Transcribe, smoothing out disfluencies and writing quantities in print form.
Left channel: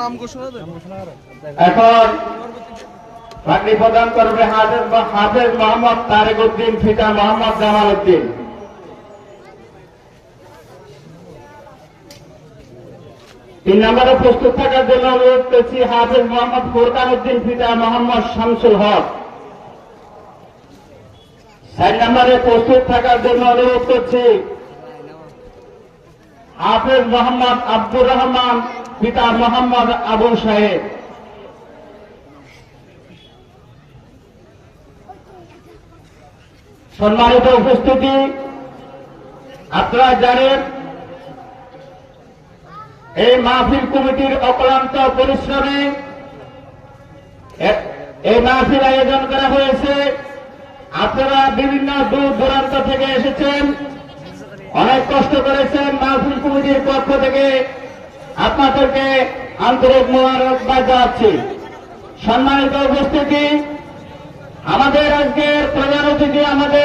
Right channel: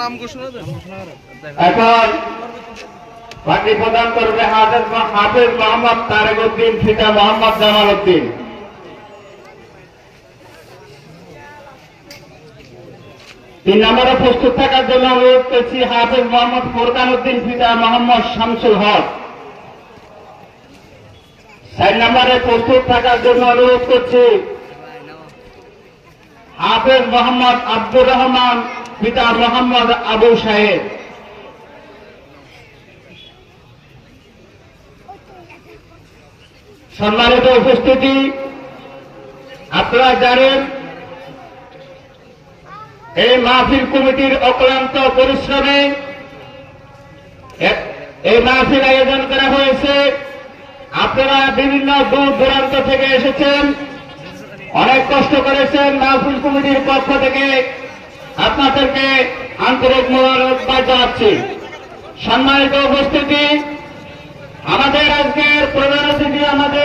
নাম ঘোষণা দেন। এখন পার্টি প্রদান করবে হাফেজ মোহাম্মদ তারেক উদ্দিন, পিতা মোহাম্মদ জামাল উদ্দিন। তিন নম্বরে প্রস্তুত থাকার জন্য অনুরোধ করছি হাফেজ মোহাম্মদ ফোরকান উদ্দিন, পিতা মোহাম্মদ শামসুল হক। 4 নম্বরে প্রস্তুত থাকার জন্য অনুরোধ করছি হাফেজ মোহাম্মদ আব্দুর রহমান, পিতা মোহাম্মদ আবু সাহেব। সম্মানিত উপস্থিতি, আপনারা জানেন এই মাহফিল কমিটির অক্লান্ত পরিশ্রমে এই মাহফিল আয়োজন করা হয়েছে। আপনারা বিভিন্ন দূর দূরান্ত থেকে এসেছেন, অনেক কষ্ট করেছেন। মাহফিল কমিটির পক্ষ থেকে আপনাদেরকে আন্তরিক মোবারকবাদ জানাচ্ছি। সম্মানিত উপস্থিতি, আমাদের আজকের প্রধান অতিথি আমাদের